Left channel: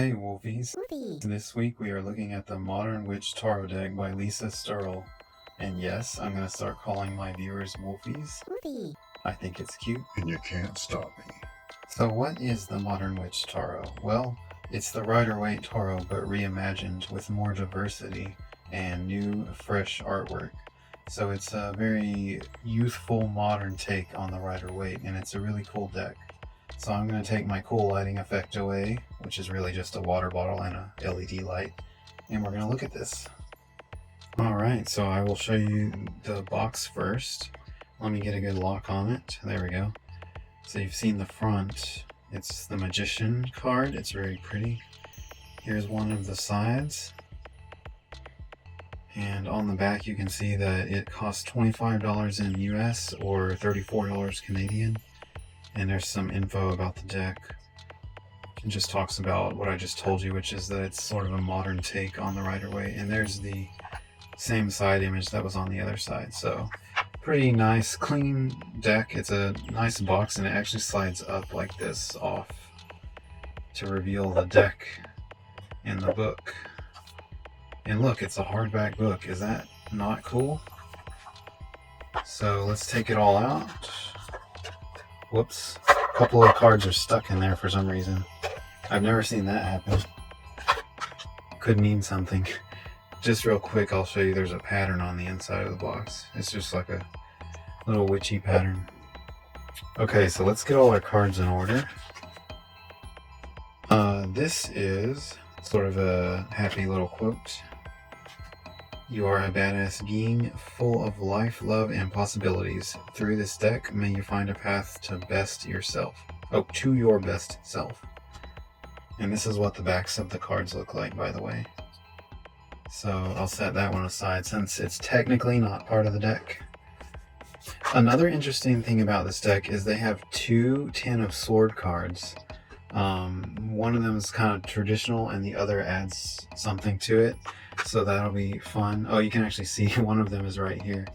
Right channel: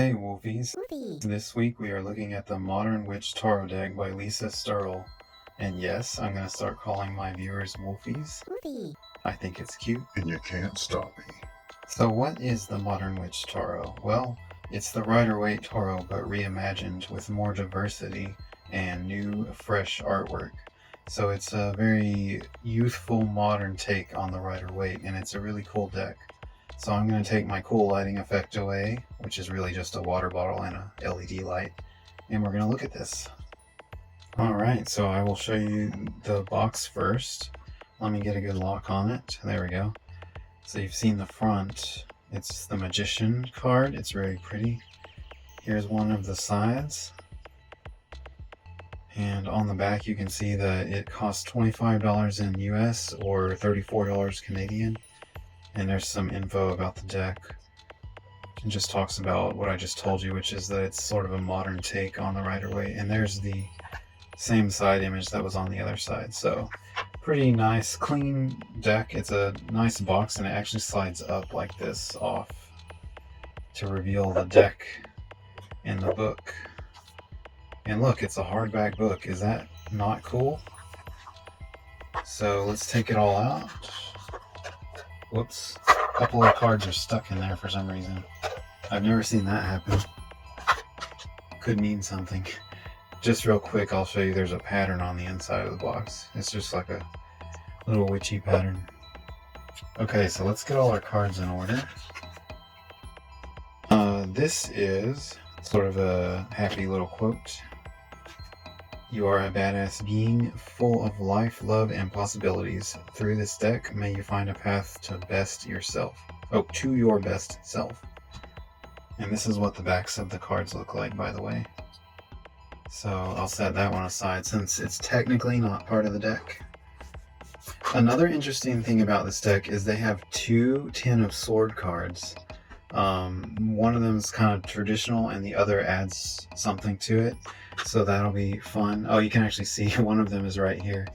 Hey Wolfies! Woofie. This week we are looking at the Modern Witch Tarot deck by Lisa Sterle. And yes, I'm going to start calling my viewers Wolfies. Woofie. I think it's cute. And you can't stop me. So what is the Modern Witch Tarot? Well, it's the Rider-Waite Tarot but reimagined with more diversity and new, fresh artwork. So it's a very youthful, modern take on the Rider-Waite, and it's a really cool deck. So I'm going to take my cool lighting effect away, which is really just a water bottle and a LED light, and we're going to look at this. Alright, so I will show you the box first. Let me get a good lock on it. There we go. So you've seen the front. It's the Magician card. It's very pretty. Here's one of the sides. And on the back you can see that it costs $25 in US or $34 Canadian. And there's some info about the deck. It just talks about what I just told you, which is that it's sort of a modern take on the Rider-Waite. And there's the same side image that was on the other side. So pretty nice, clean deck. It's a nice box, and it actually slides up like this off to reveal the deck in the book. And look, it's a hardback book. Is that not cool? So let's take it all out. Whoops. A couple of cards are stuck in there for some reason. I've never seen that happen. Could mean something. Just real quick, I'll show you there's a pattern on the inside of the box. It's just like a little witchy pattern. Okay, so let's get all our cards in order. This is sort of a happy little quote. You are a badass being full of life, love, and possibilities. Through this deck, may you find a path to best yourself. Oh, to your best self. And this is what the backs of the cards look like, by the way. So I'll set that one aside since it's technically not part of the deck. Another interesting thing about this deck is they have two Ten of Sword cards. One of them is kind of traditional and the other adds something to it. So that'll be fun. Oh, you can actually see one of them is right here.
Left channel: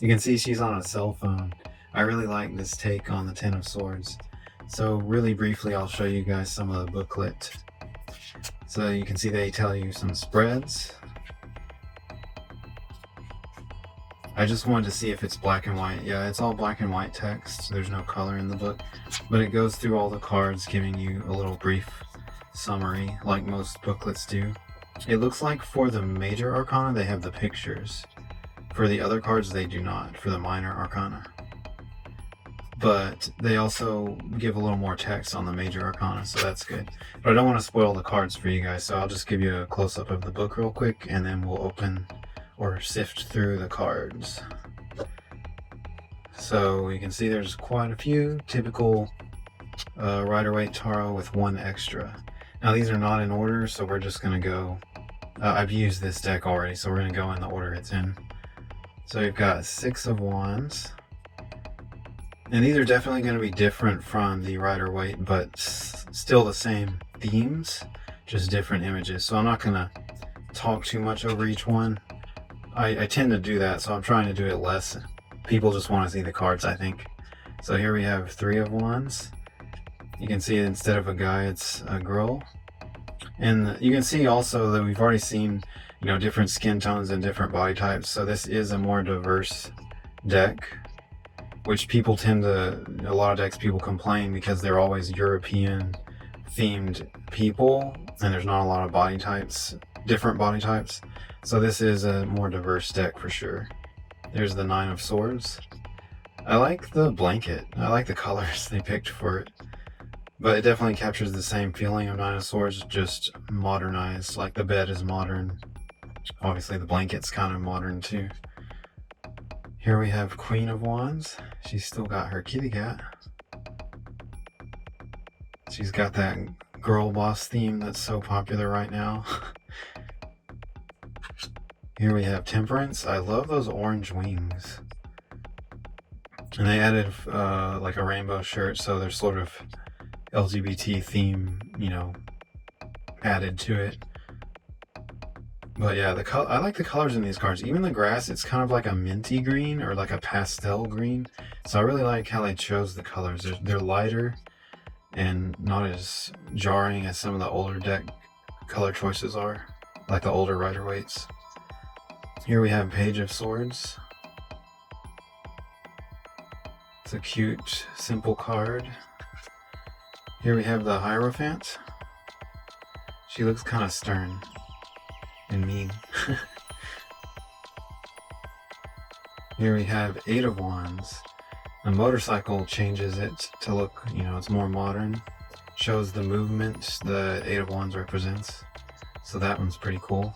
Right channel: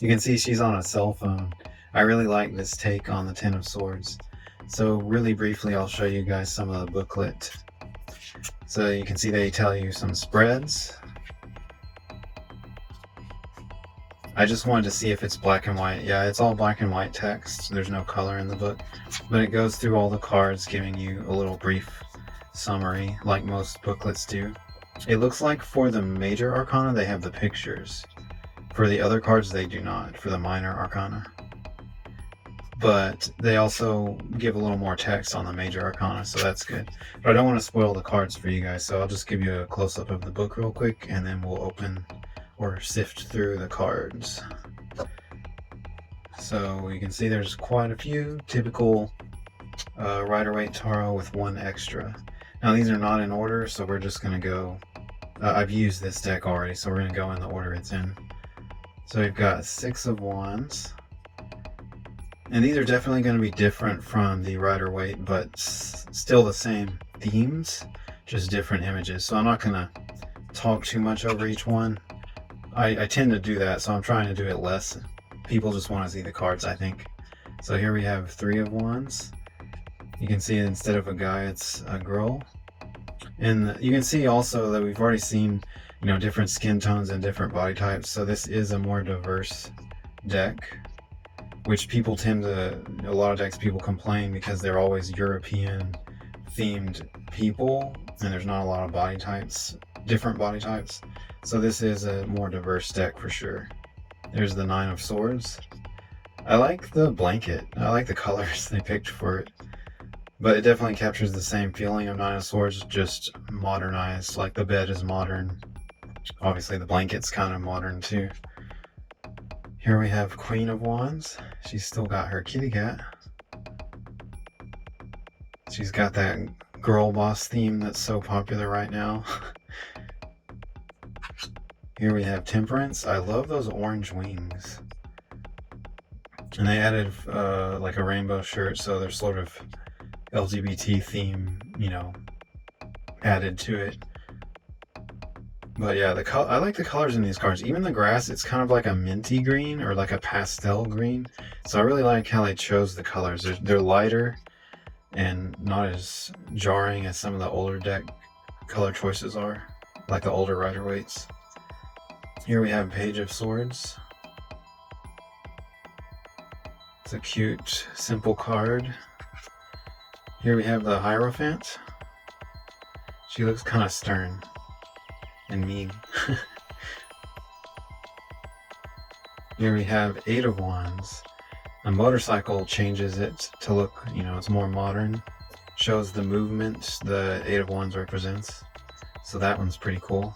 You can see she's on a cell phone. I really like this take on the Ten of Swords. So really briefly, I'll show you guys some of the booklet. So you can see they tell you some spreads. I just wanted to see if it's black and white. Yeah, it's all black and white text. There's no color in the book. But it goes through all the cards, giving you a little brief summary, like most booklets do. It looks like for the major arcana, they have the pictures. For the other cards, they do not, for the minor arcana. But they also give a little more text on the major arcana, so that's good. But I don't want to spoil the cards for you guys, so I'll just give you a close-up of the book real quick, and then we'll open or sift through the cards. So you can see there's quite a few typical Rider-Waite Tarot with one extra. Now these are not in order, so we're just going to go, I've used this deck already, so we're going to go in the order it's in. So we've got Six of Wands. And these are definitely going to be different from the Rider-Waite, but still the same themes, just different images. So I'm not going to talk too much over each one. I tend to do that, so I'm trying to do it less. People just want to see the cards, I think. So here we have Three of Wands. You can see instead of a guy, it's a girl. And you can see also that we've already seen, different skin tones and different body types. So this is a more diverse deck, which people a lot of decks people complain because they're always European themed people, and there's not a lot of body types, different body types. So this is a more diverse deck for sure. There's the Nine of Swords. I like the blanket. I like the colors they picked for it. But it definitely captures the same feeling of Nine of Swords, just modernized. Like the bed is modern. Obviously the blanket's kind of modern too. Here we have Queen of Wands. She's still got her kitty cat. She's got that girl boss theme that's so popular right now. Here we have Temperance. I love those orange wings. And they added like a rainbow shirt, so there's sort of LGBT theme, added to it. But yeah, I like the colors in these cards. Even the grass, it's kind of like a minty green or like a pastel green. So I really like how they chose the colors. They're lighter and not as jarring as some of the older deck color choices are, like the older Rider-Weights. Here we have Page of Swords. It's a cute, simple card. Here we have the Hierophant. She looks kind of stern and mean. Here we have Eight of Wands. The motorcycle changes it to look, it's more modern. Shows the movement the Eight of Wands represents. So that one's pretty cool.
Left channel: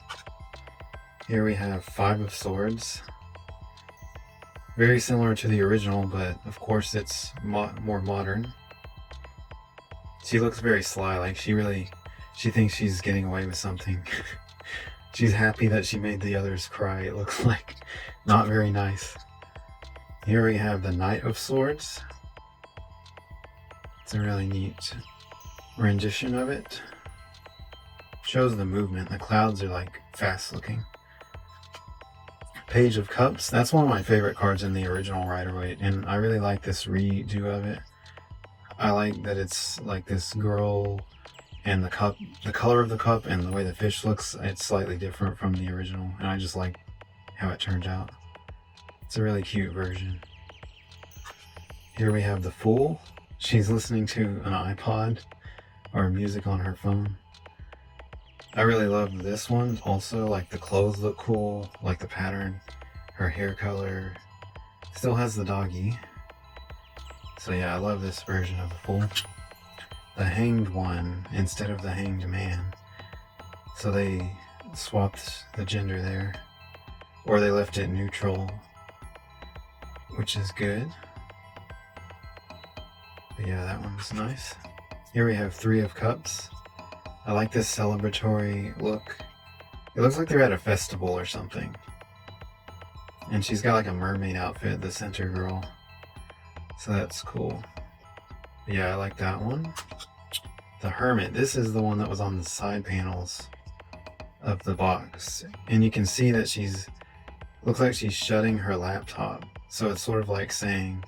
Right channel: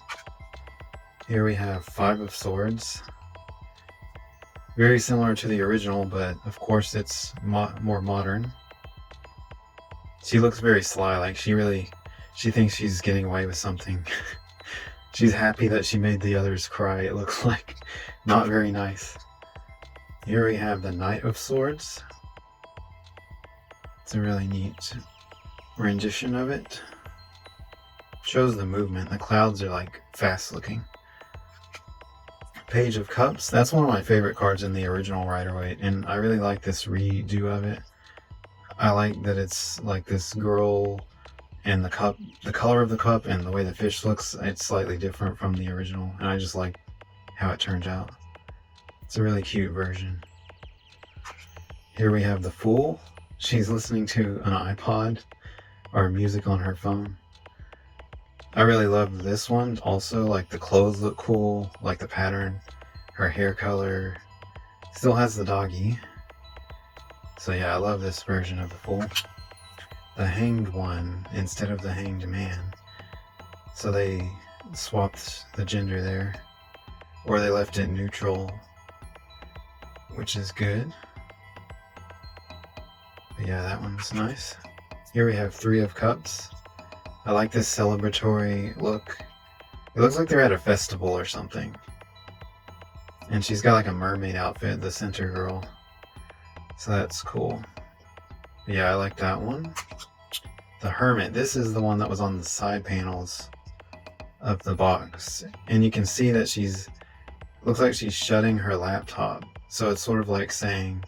Here we have Five of Swords. Very similar to the original, but of course it's more modern. She looks very sly, like she thinks she's getting away with something. She's happy that she made the others cry, it looks like. Not very nice. Here we have the Knight of Swords. It's a really neat rendition of it. Shows the movement. The clouds are like fast looking. Page of Cups. That's one of my favorite cards in the original Rider-Waite, and I really like this redo of it. I like that it's like this girl and the cup, the color of the cup and the way the fish looks, it's slightly different from the original, and I just like how it turns out. It's a really cute version. Here we have the Fool. She's listening to an iPod or music on her phone. I really love this one also, like the clothes look cool, like the pattern, her hair color. Still has the doggy. So yeah, I love this version of the Fool. The Hanged One instead of the Hanged Man. So they swapped the gender there. Or they left it neutral, which is good. But yeah, that one's nice. Here we have Three of Cups. I like this celebratory look. It looks like they're at a festival or something. And she's got like a mermaid outfit, the center girl. So that's cool. Yeah, I like that one. The Hermit. This is the one that was on the side panels of the box. And you can see that looks like she's shutting her laptop. So it's sort of like saying,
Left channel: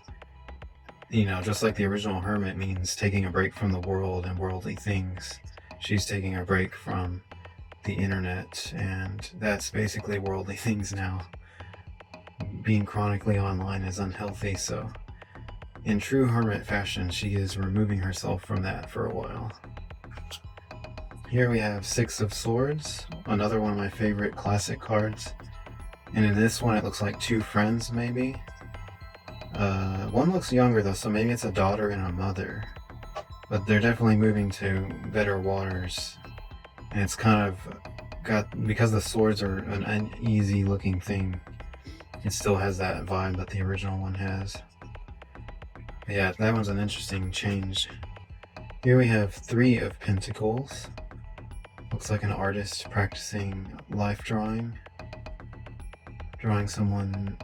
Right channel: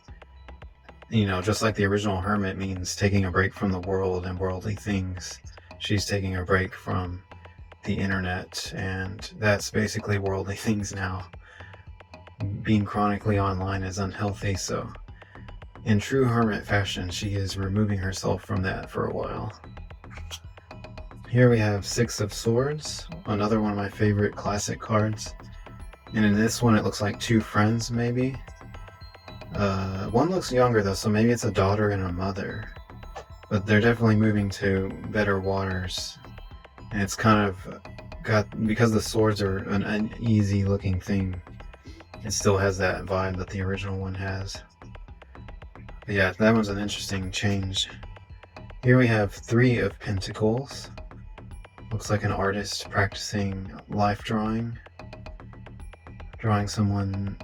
just like the original Hermit means taking a break from the world and worldly things. She's taking a break from the internet, and that's basically worldly things now. Being chronically online is unhealthy, so in true hermit fashion, she is removing herself from that for a while. Here we have Six of Swords, another one of my favorite classic cards. And in this one, it looks like two friends, maybe. One looks younger, though, so maybe it's a daughter and a mother. But they're definitely moving to better waters. And it's kind of because the swords are an uneasy looking thing, it still has that vibe that the original one has. But yeah, that one's an interesting change. Here we have Three of Pentacles. Looks like an artist practicing life drawing. Drawing someone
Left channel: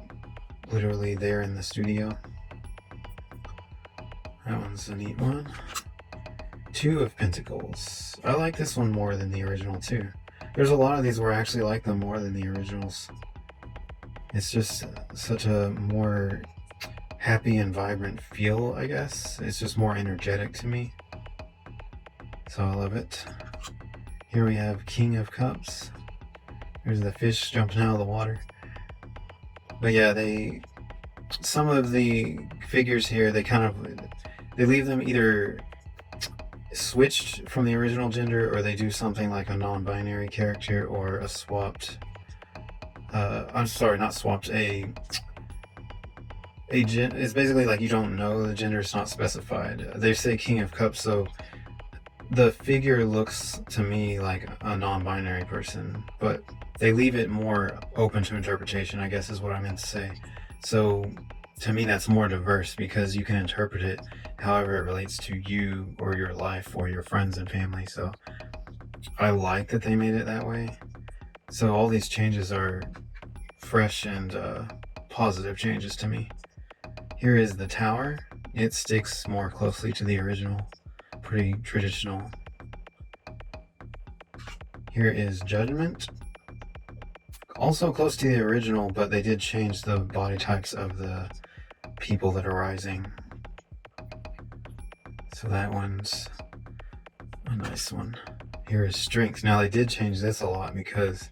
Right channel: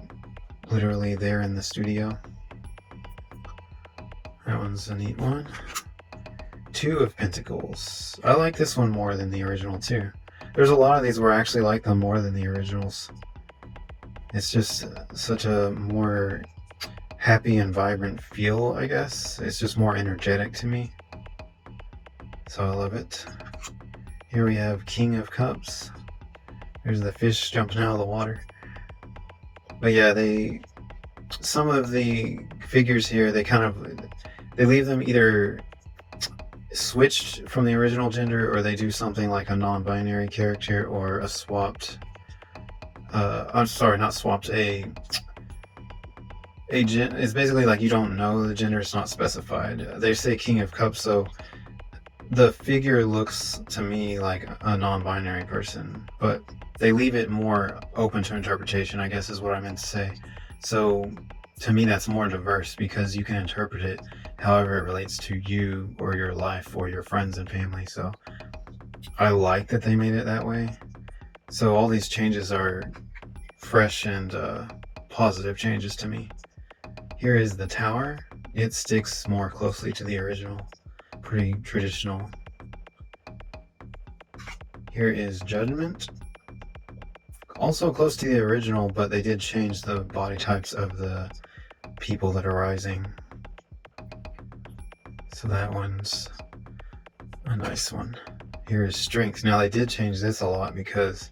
literally there in the studio. That one's a neat one. Two of Pentacles. I like this one more than the original too. There's a lot of these where I actually like them more than the originals. It's just such a more happy and vibrant feel, I guess. It's just more energetic to me. So I love it. Here we have King of Cups. There's the fish jumping out of the water. But yeah, some of the figures here, they leave them either switched from the original gender, or they do something like a non-binary character or a swapped, I'm sorry, not swapped, it's basically like you don't know the gender, it's not specified. They say King of Cups, so the figure looks to me like a non-binary person, but they leave it more open to interpretation, I guess is what I meant to say. So to me that's more diverse because you can interpret it however it relates to you or your life or your friends and family. So I like that they made it that way. So all these changes are fresh and positive changes to me. Here is the Tower. It sticks more closely to the original. Pretty traditional. Here is Judgment. Also close to the original, but they did change the body types of the people that are rising. So that one's a nice one. Here is strength. Now they did change this a lot because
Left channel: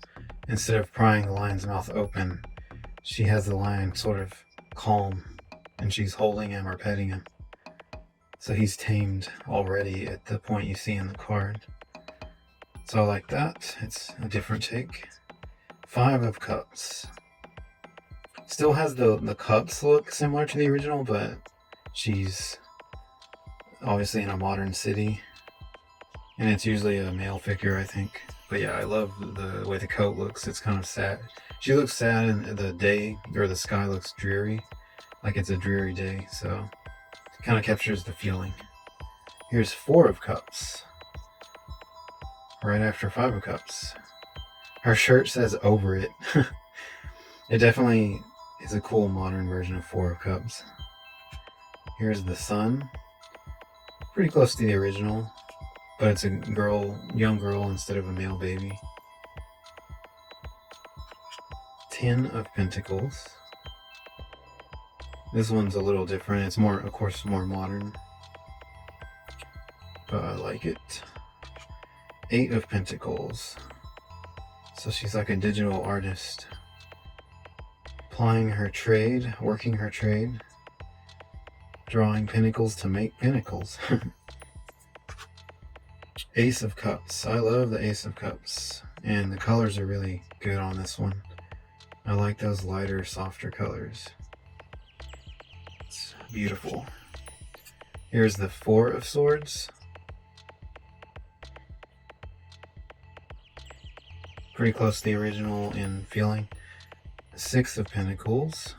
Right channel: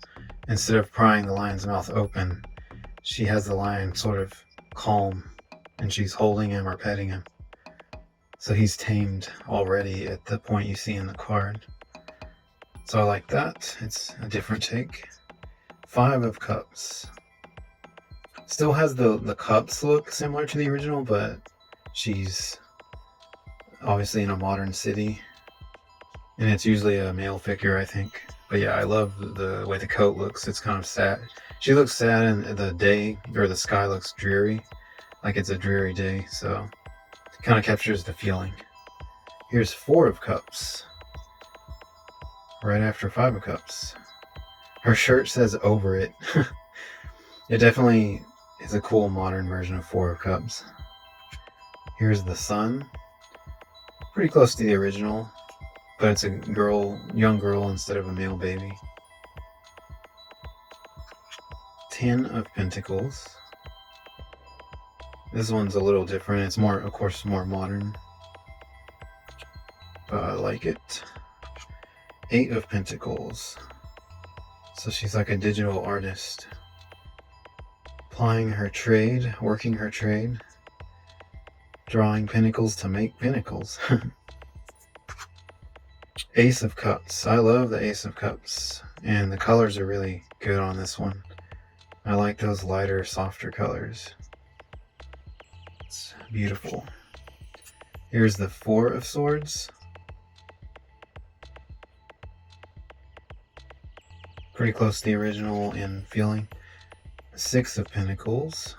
instead of prying the lion's mouth open, she has the lion sort of calm and she's holding him or petting him. So he's tamed already at the point you see in the card. So I like that. It's a different take. 5 of Cups. Still has the cups look similar to the original, but she's obviously in a modern city. And it's usually a male figure, I think. But yeah, I love the way the coat looks. It's kind of sad. She looks sad and the day, or the sky looks dreary. Like it's a dreary day, so it kind of captures the feeling. Here's 4 of Cups. Right after 5 of Cups. Her shirt says over it. It definitely is a cool modern version of 4 of Cups. Here's the Sun. Pretty close to the original, but it's a girl, young girl instead of a male baby. 10 of Pentacles. This one's a little different. It's more, of course, more modern, but I like it. 8 of Pentacles. So she's like a digital artist, plying her trade, working her trade, drawing pinnacles to make pinnacles. Ace of Cups. I love the Ace of Cups, and the colors are really good on this one. I like those lighter, softer colors. It's beautiful. Here's the 4 of Swords. Pretty close to the original in feeling. 6 of Pentacles.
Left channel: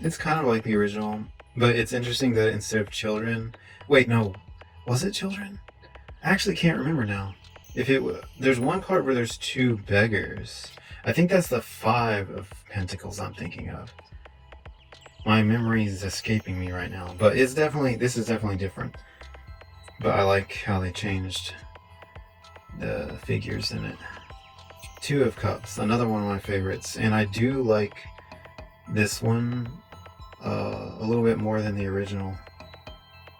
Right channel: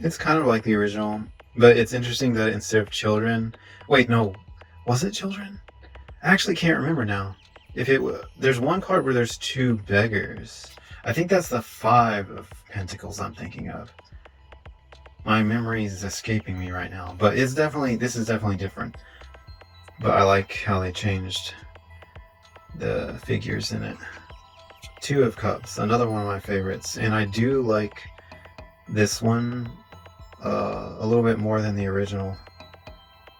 It's kind of like the original, but it's interesting that instead of children... Wait, no. Was it children? I actually can't remember now. If it was... There's one card where there's 2 beggars. I think that's the 5 of Pentacles I'm thinking of. My memory is escaping me right now, but it's definitely... This is definitely different. But I like how they changed the figures in it. 2 of Cups, another one of my favorites. And I do like this one a little bit more than the original.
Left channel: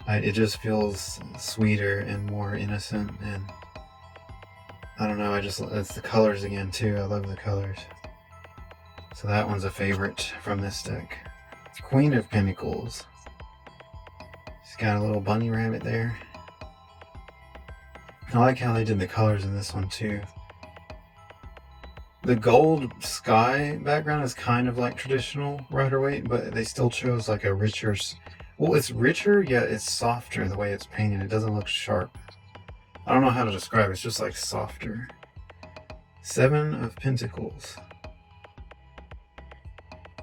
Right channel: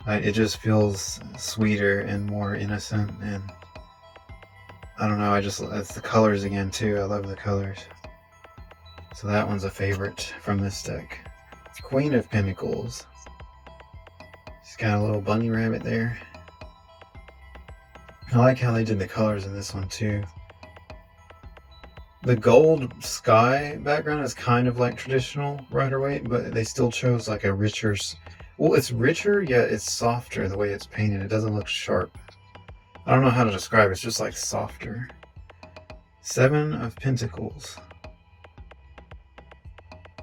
It just feels sweeter and more innocent, and I don't know, it's the colors again too. I love the colors. So that one's a favorite from this deck. Queen of Pentacles. She's got a little bunny rabbit there. I like how they did the colors in this one too. The gold sky background is kind of like traditional Rider-Waite, but they still chose like a richer... Well, it's richer, yet it's softer the way it's painted. It doesn't look sharp. I don't know how to describe it. It's just like softer. 7 of Pentacles.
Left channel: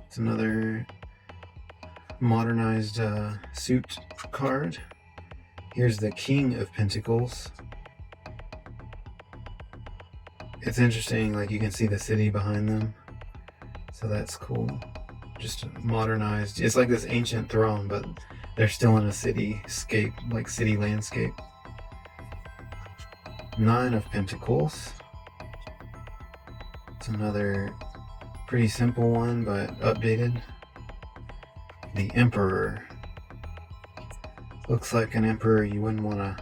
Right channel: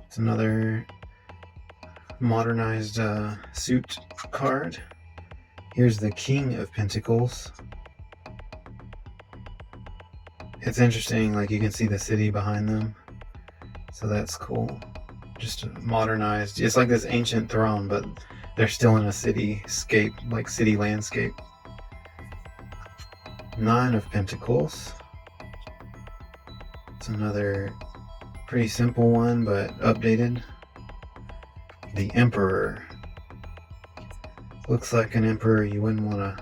It's another modernized suit card. Here's the King of Pentacles. It's interesting, like you can see the city behind them, so that's cool. Just modernized. It's like this ancient throne, but they're still in a cityscape, like city landscape. 9 of Pentacles. It's another pretty simple one, but updated. The Emperor. Looks like an emperor you wouldn't want to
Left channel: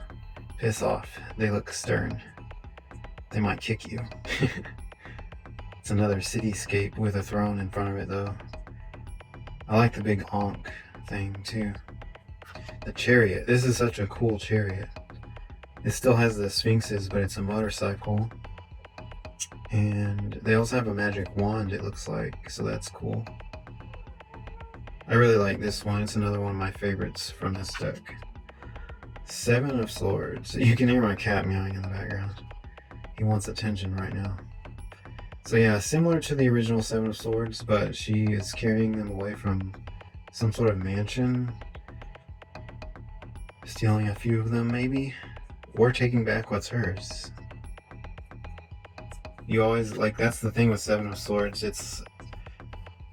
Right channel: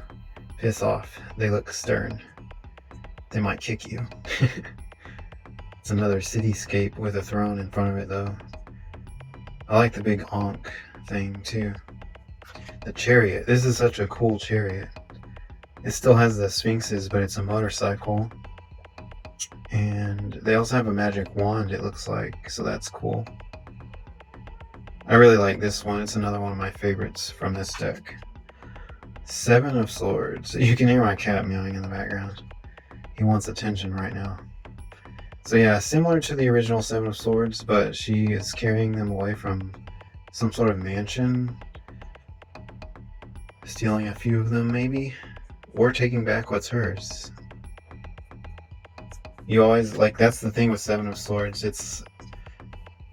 piss off. They look stern. They might kick you. It's another cityscape with a throne in front of it though. I like the big Ankh thing too. The Chariot. This is such a cool chariot. It still has the sphinxes, but it's a motorcycle. And they also have a magic wand, it looks like, so that's cool. I really like this one. It's another one of my favorites from this deck. 7 of Swords. You can hear my cat meowing in the background. He wants attention right now. So yeah, similar to the original 7 of Swords, but she is carrying them away from some sort of mansion. Stealing a few of them maybe, or taking back what's hers. You always, like, that's the thing with 7 of Swords,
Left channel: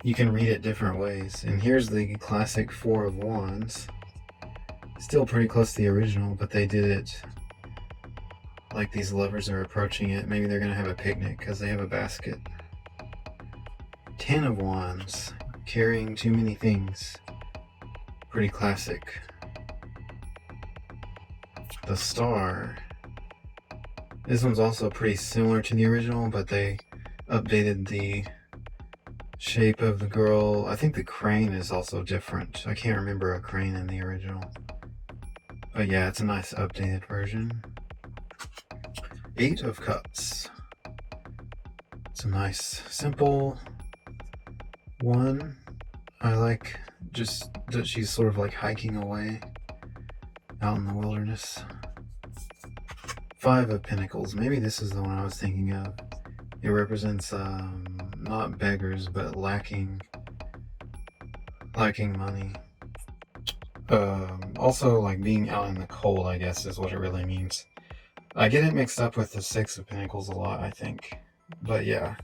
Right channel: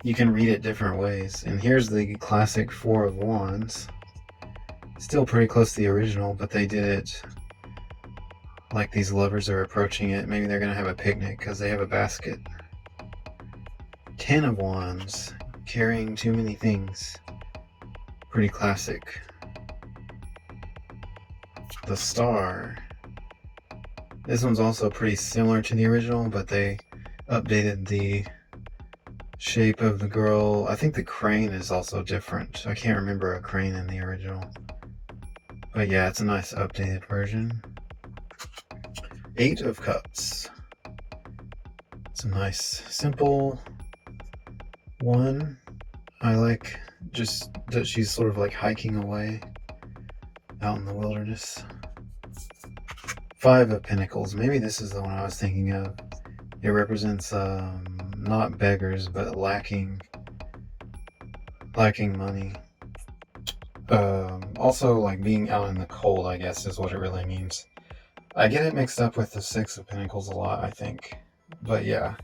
you can read it different ways. And here's the classic 4 of Wands. Still pretty close to the original, but they did it like these lovers are approaching it. Maybe they're gonna have a picnic because they have a basket. 10 of Wands, carrying too many things. Pretty classic. The star. This one's also pretty similar to the original, but they updated the shape of the girl. I think the crane is also different. I can't remember a crane in the original. But yeah, it's a nice updated version. 8 of Cups. It's a nice, simple one. I like just that she's sort of like hiking away out in the wilderness. 5 of Pentacles. Maybe this is the one I was thinking of. It represents not beggars, but lacking money. Also, like being out in the cold, I guess, is what it really means. I get it mixed up with the 6 of Pentacles a lot, I think. But yeah,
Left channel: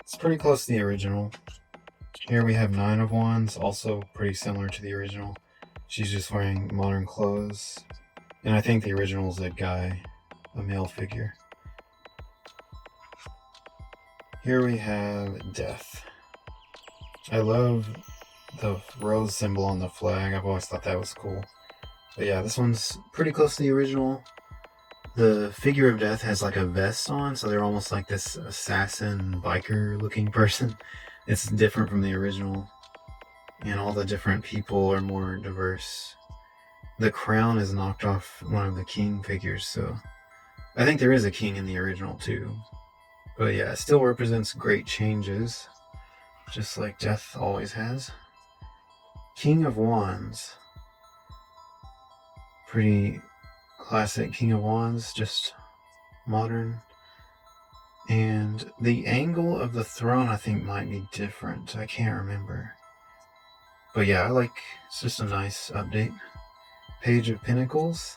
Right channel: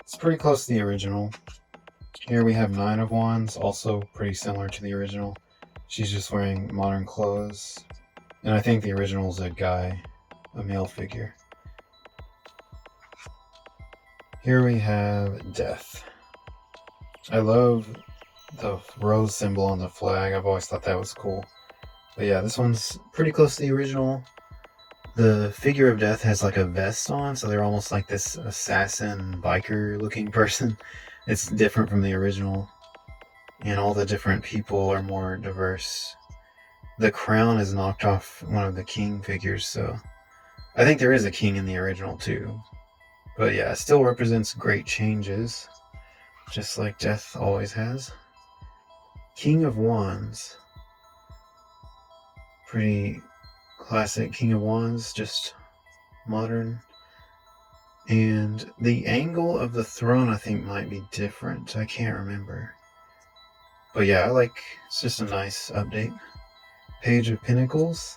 it's pretty close to the original. Here we have 9 of Wands, also pretty similar to the original. She's just wearing modern clothes. And I think the original is a guy, a male figure. Here we have Death. I love the rose symbol on the flag. I've always thought that was cool. But yeah, this one's pretty close to the original. The figure of Death has like a vest on, so they're almost like this assassin biker looking person. It's different from the original, and all the different people are more diverse. The crown is knocked off one of the king figures, so I think there is a king in the original too. But yeah, it still represents great changes, just like Death always has. King of Wands. Pretty classic King of Wands, just modern. And the angle of the throne, I think, might be different. I can't remember. But yeah, it's just a nice update. Page of Pentacles.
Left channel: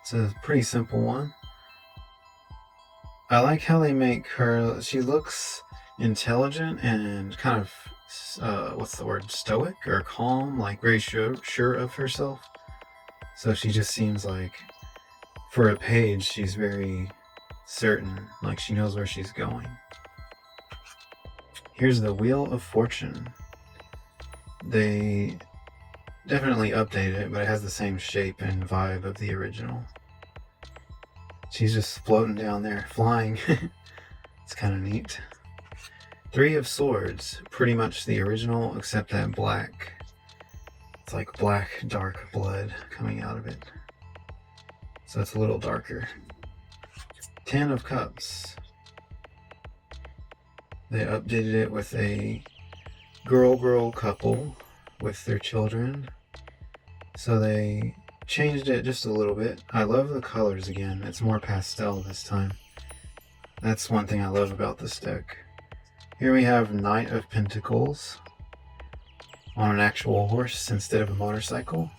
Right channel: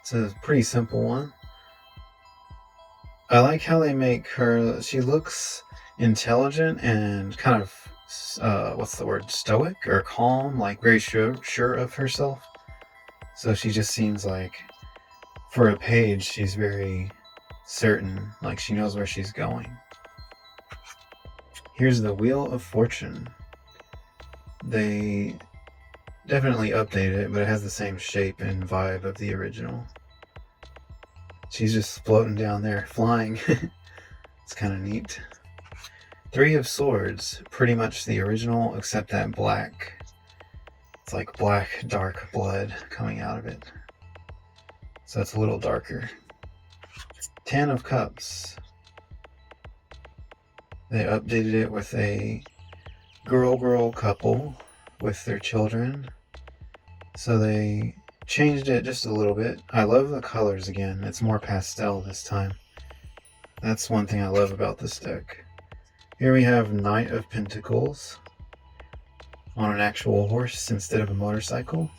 It's a pretty simple one. I like how they make her, she looks intelligent and kind of, what's the word, stoic or calm, like very sure of herself. So she just seems like, for a page, she's very certain, like she knows where she's going. Here's the Wheel of Fortune. They definitely updated it, but it has the same shape and vibe of the original. She's just floating down there, flying. It's kind of neat. 3 of Swords, pretty much the original, except that black. It's like black, dark blood coming out of it. So it's a little darker. 10 of Cups. They updated it with a girl couple with their children. So they changed it just a little bit. I love the colors again. It's more pastel this time. That's one thing I love about this deck. Here we have Knight of Pentacles on an actual horse instead of a motorcycle.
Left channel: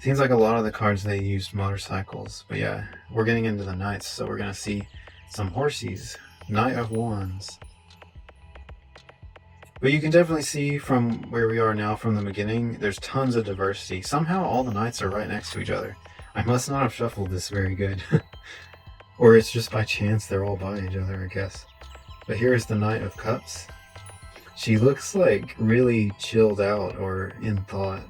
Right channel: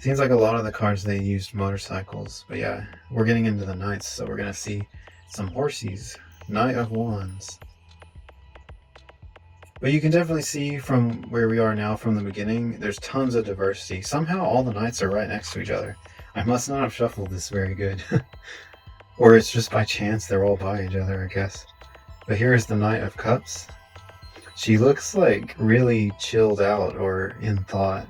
Seems like a lot of the cards they used motorcycles, but yeah, we're getting into the knights, so we're gonna see some horsies. Knight of Wands. But you can definitely see from where we are now from the beginning, there's tons of diversity. Somehow all the knights are right next to each other. I must not have shuffled this very good. Or it's just by chance they're all by each other, I guess. But here's the Knight of Cups. She looks like really chilled out or in thought.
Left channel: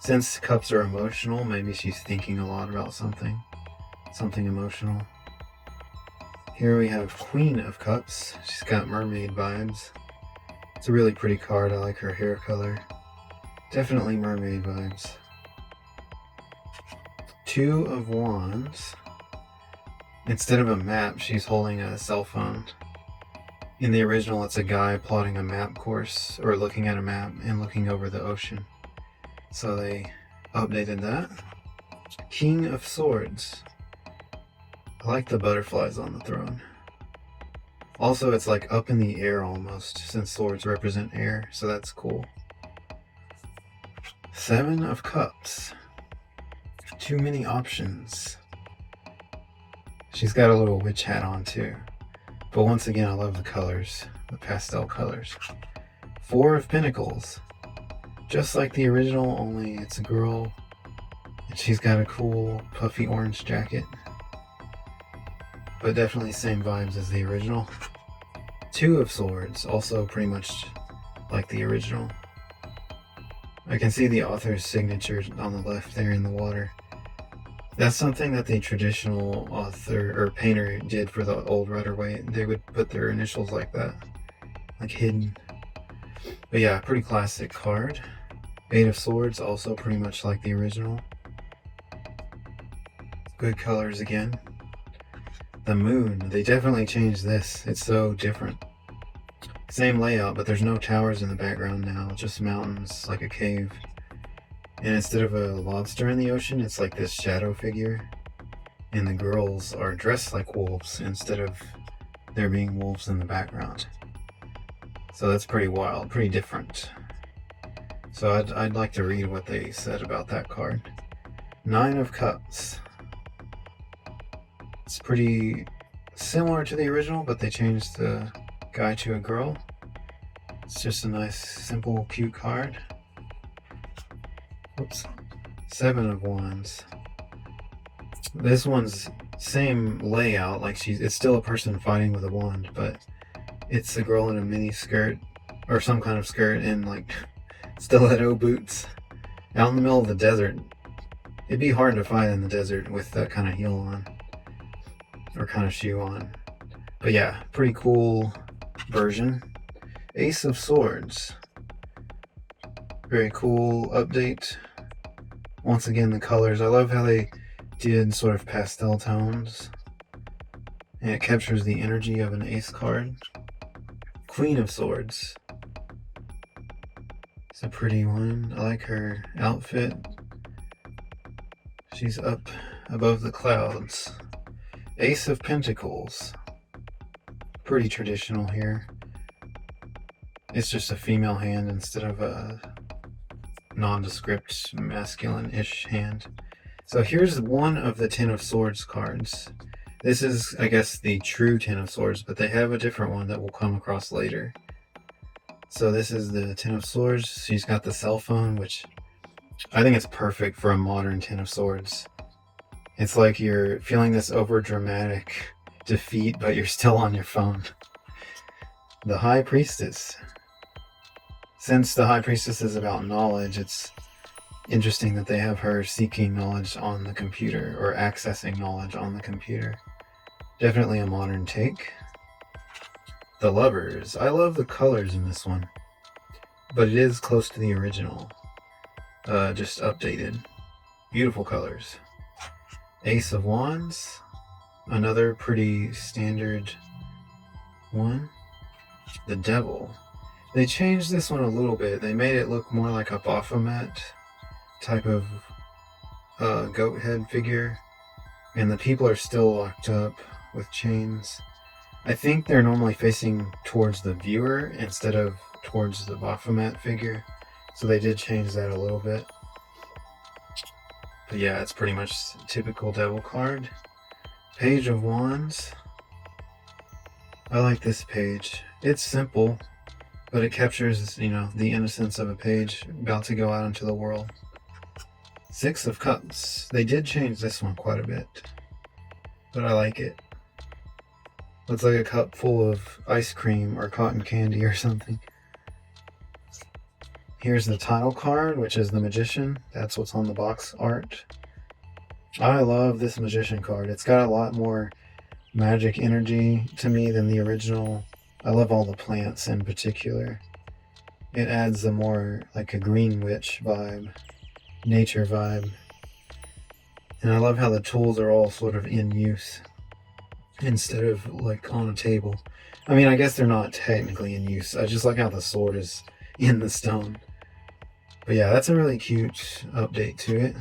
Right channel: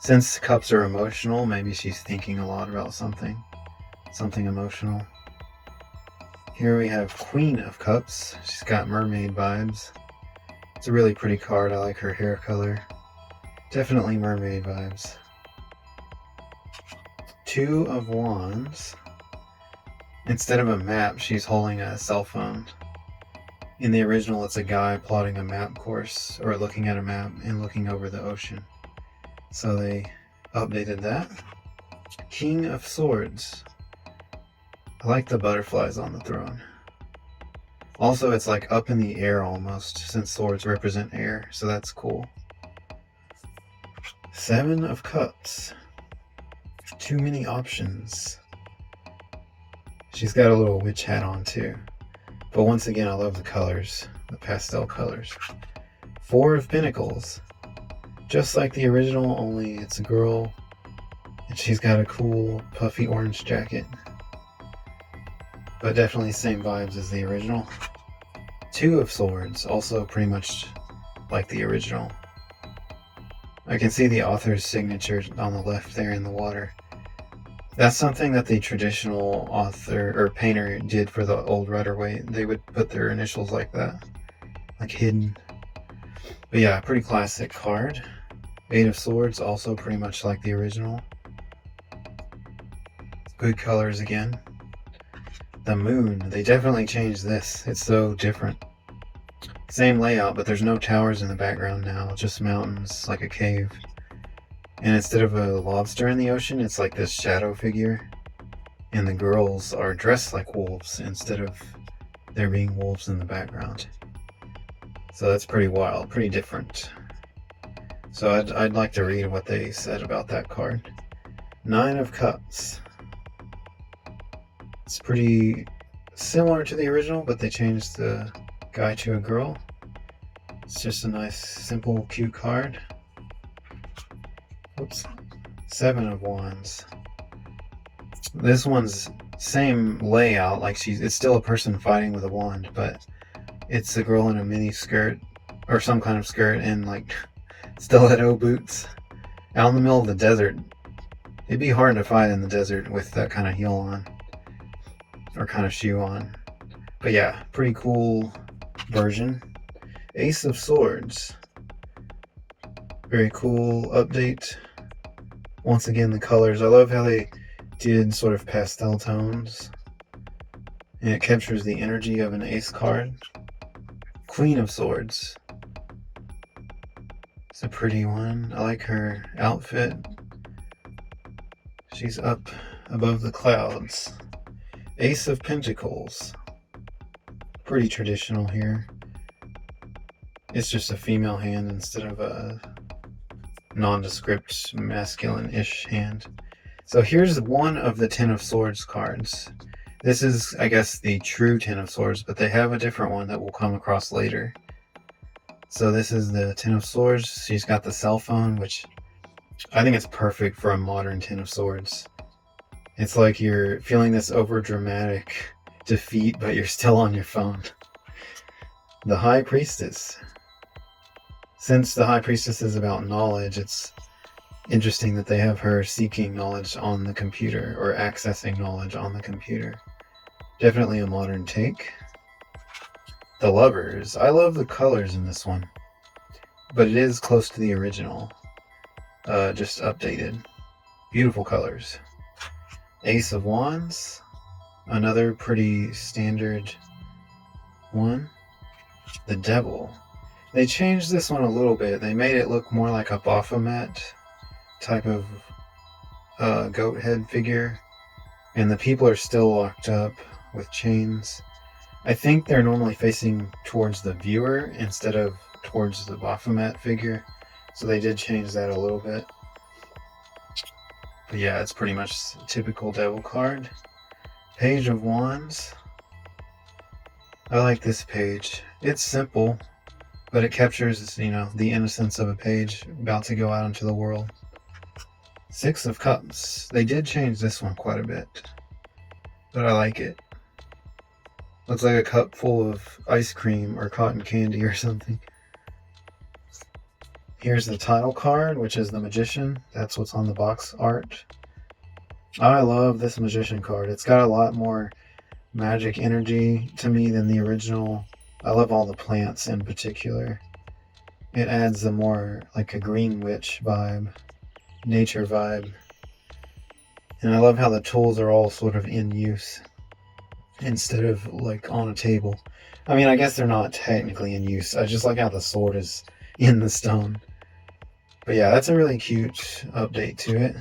Since cups are emotional, maybe she's thinking a lot about something emotional. Here we have Queen of Cups. She's got mermaid vibes. It's a really pretty card. I like her hair color. Definitely mermaid vibes. 2 of Wands. Instead of a map, she's holding a cell phone. In the original, it's a guy plotting a map course, or looking at a map and looking over the ocean. So they updated that. King of Swords. I like the butterflies on the throne. Also, it's like up in the air almost, since swords represent air, so that's cool. 7 of Cups. Too many options. She's got a little witch hat on too. But once again, I love the colors, the pastel colors. 4 of Pentacles. Just like the original, only it's a girl, and she's got a cool puffy orange jacket. But definitely same vibes as the original. 2 of Swords, also pretty much like the original. I can see the author's signature on the left there in the water. That's something that the traditional author or painter did for the old Rider-Waite. They would put their initials like that, like hidden. But yeah, pretty classic card. 8 of Swords, also pretty much like the original. Good colors again. The Moon, they definitely changed this. It's so different. Same layout, but there's no towers in the background now, just mountains, like a cave. And instead of a lobster in the ocean, it's like this shadow figure. And the girls are dressed like wolves instead of there being wolves in the background. So that's pretty wild, pretty different. So I'd like to read what they said about that card. 9 of Cups. It's pretty similar to the original, but they changed the guy to a girl. It's just a nice, simple, cute card. Oops. 7 of Wands. This one's same layout, like it's still a person fighting with a wand, but it's a girl in a mini skirt or some kind of skirt and like stiletto boots out in the middle of the desert. It'd be hard to fight in the desert with that kind of heel on or kind of shoe on. But yeah, pretty cool version. Ace of Swords. Very cool update. Once again, the colors. I love how they did sort of pastel tones. And it captures the energy of an ace card. Queen of Swords. It's a pretty one. I like her outfit. She's up above the clouds. Ace of Pentacles. Pretty traditional here. It's just a female hand instead of a nondescript masculine-ish hand. So here's one of the 10 of Swords cards. This is, I guess, the true 10 of Swords, but they have a different one that we'll come across later. So this is the 10 of Swords. She's got the cell phone, which I think it's perfect for a modern 10 of Swords. It's like you're feeling this over-dramatic defeat, but you're still on your phone. The High Priestess. Since the High Priestess is about knowledge, it's interesting that they have her seeking knowledge on the computer or accessing knowledge on the computer. Definitely a modern take. The Lovers. I love the colors in this one, but it is close to the original, just updated. Beautiful colors. Ace of Wands. Another pretty standard one. The Devil. They changed this one a little bit. They made it look more like a Baphomet type of goat head figure. And the people are still locked up with chains. I think they're normally facing towards the viewer instead of towards the Baphomet figure. So they did change that a little bit. But yeah, it's pretty much a typical devil card. Page of Wands. I like this page. It's simple, but it captures, the innocence of a page about to go out into the world. 6 of Cups. They did change this one quite a bit, but I like it. Looks like a cup full of ice cream or cotton candy or something. Here's the title card, which is the Magician. That's what's on the box art. I love this Magician card. It's got a lot more magic energy to me than the original. I love all the plants in particular. It adds a more like a green witch vibe, nature vibe. And I love how the tools are all sort of in use instead of like on a table. I mean, I guess they're not technically in use. I just like how the sword is in the stone. But yeah, that's a really cute update to it.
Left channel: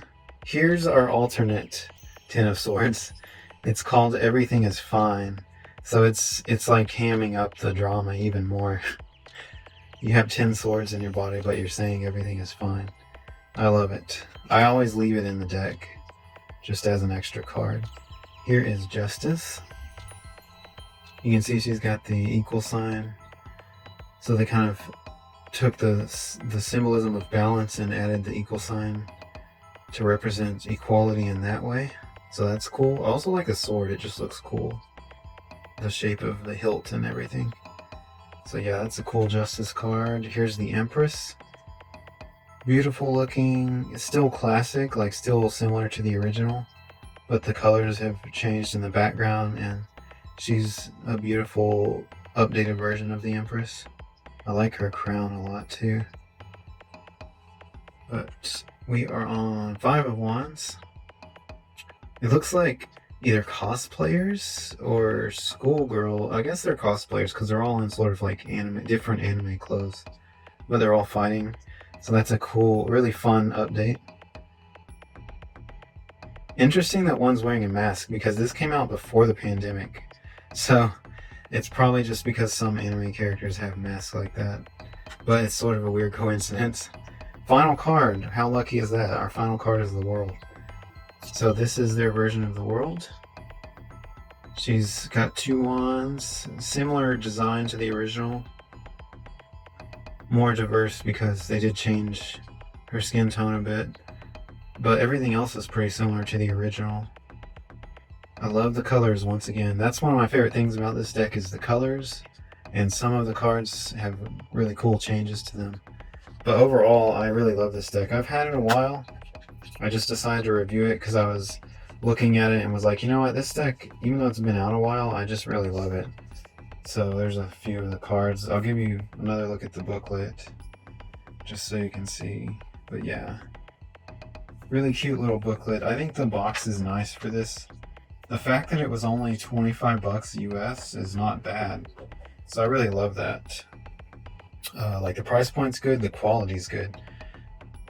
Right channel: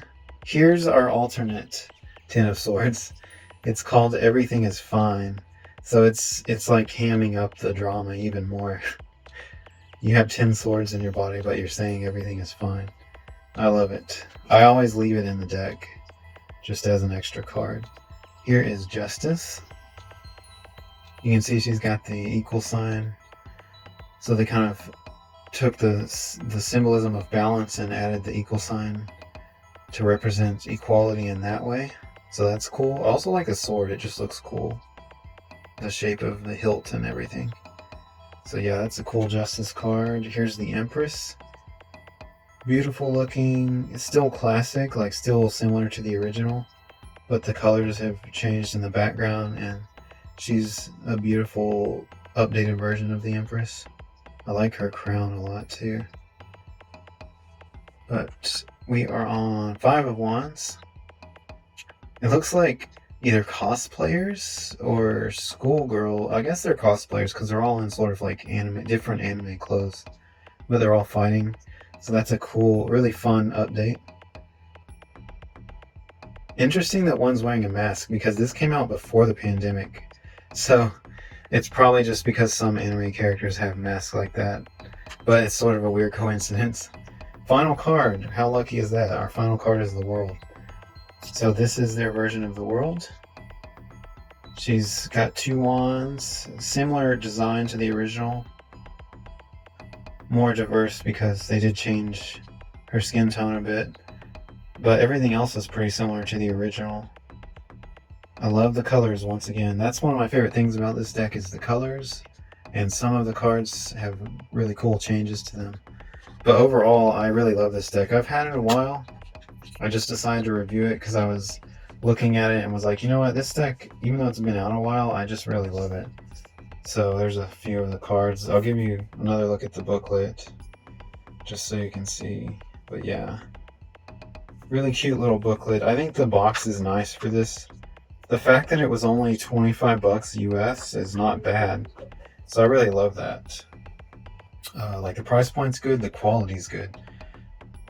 Here's our alternate 10 of Swords. It's called Everything is Fine. So it's like hamming up the drama even more. You have 10 swords in your body, but you're saying everything is fine. I love it. I always leave it in the deck, just as an extra card. Here is Justice. You can see she's got the equal sign. So they kind of took the symbolism of balance and added the equal sign to represent equality in that way. So that's cool. I also like the sword. It just looks cool. The shape of the hilt and everything. So yeah, that's a cool Justice card. Here's the Empress. Beautiful looking. It's still classic, like still similar to the original. but the colors have changed in the background, and she's a beautiful updated version of the Empress. I like her crown a lot too. But we are on 5 of Wands. It looks like either cosplayers or schoolgirl. I guess they're cosplayers because they're all in sort of like different anime clothes, but they're all fighting. So that's a cool, really fun update. Interesting that one's wearing a mask because this came out before the pandemic. So it's probably just because some anime characters have masks like that, but it's sort of a weird coincidence. Final card. How lucky is that? Our final card is the world. So this is their version of the world. She's got 2 wands, similar design to the original. More diverse because they did change her skin tone a bit, but everything else is pretty similar to the original. I love the colors once again. That's one of my favorite things about this deck is the colors, and some of the cards have really cool changes to them. But overall, I really love this deck. I've had it a while. I just decided to review it because I was looking at it and was like, you know what, this deck, even though it's been out a while, I just really love it. So there's a few of the cards. I'll give you another look at the booklet just so you can see. But yeah, really cute little booklet. I think the box is nice for this. The fact that it was only 25 bucks US is not bad. So I really love that. Like the price point's good, the quality's good.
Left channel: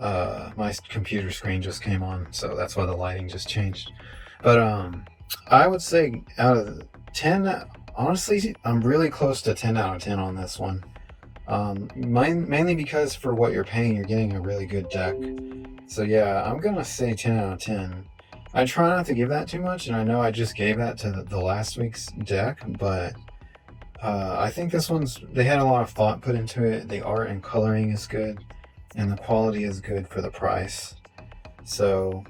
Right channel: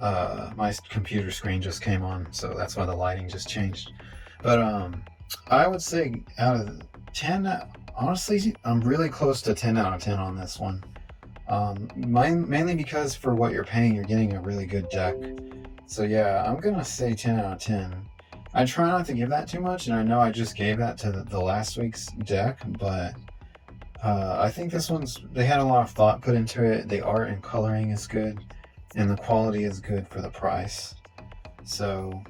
My computer screen just came on, so that's why the lighting just changed. But I would say out of 10, honestly, I'm really close to 10 out of 10 on this one. Mainly because for what you're paying, you're getting a really good deck. So yeah, I'm gonna say 10 out of 10. I try not to give that too much, and I know I just gave that to the last week's deck, but I think this one's, they had a lot of thought put into it. The art and coloring is good, and the quality is good for the price. So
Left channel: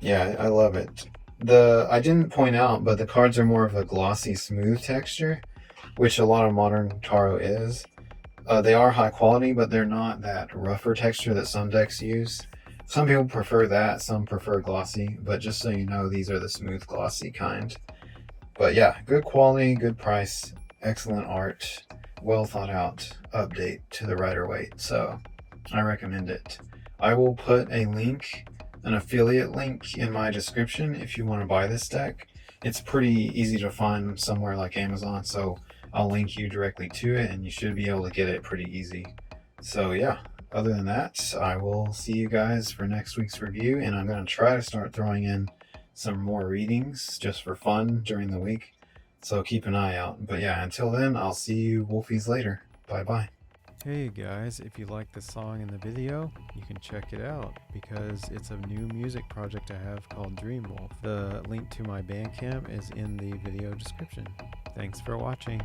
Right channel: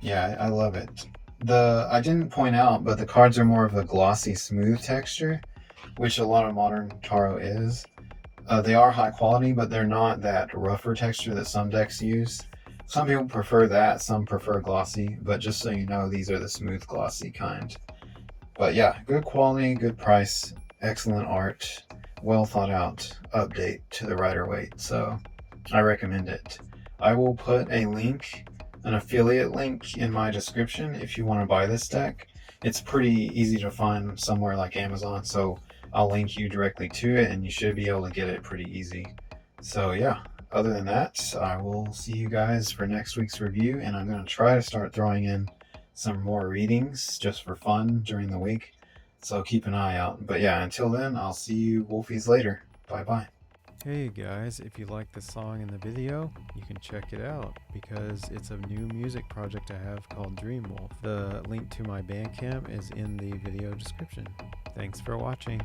yeah, I love it. I didn't point out, but the cards are more of a glossy, smooth texture, which a lot of modern tarot is. They are high quality, but they're not that rougher texture that some decks use. Some people prefer that, some prefer glossy, but just so you know, these are the smooth, glossy kind. But yeah, good quality, good price, excellent art, well thought out update to the Rider-Waite, so I recommend it. I will put a link, an affiliate link in my description if you want to buy this deck. It's pretty easy to find somewhere like Amazon, so I'll link you directly to it and you should be able to get it pretty easy. So yeah, other than that, I will see you guys for next week's review, and I'm going to try to start throwing in some more readings just for fun during the week. So keep an eye out. But yeah, until then, I'll see you Wolfies later. Bye-bye. Hey guys, if you like the song in the video, you can check it out because it's a new music project I have called DreamWolf. The link to my bandcamp is in the video description. Thanks for watching.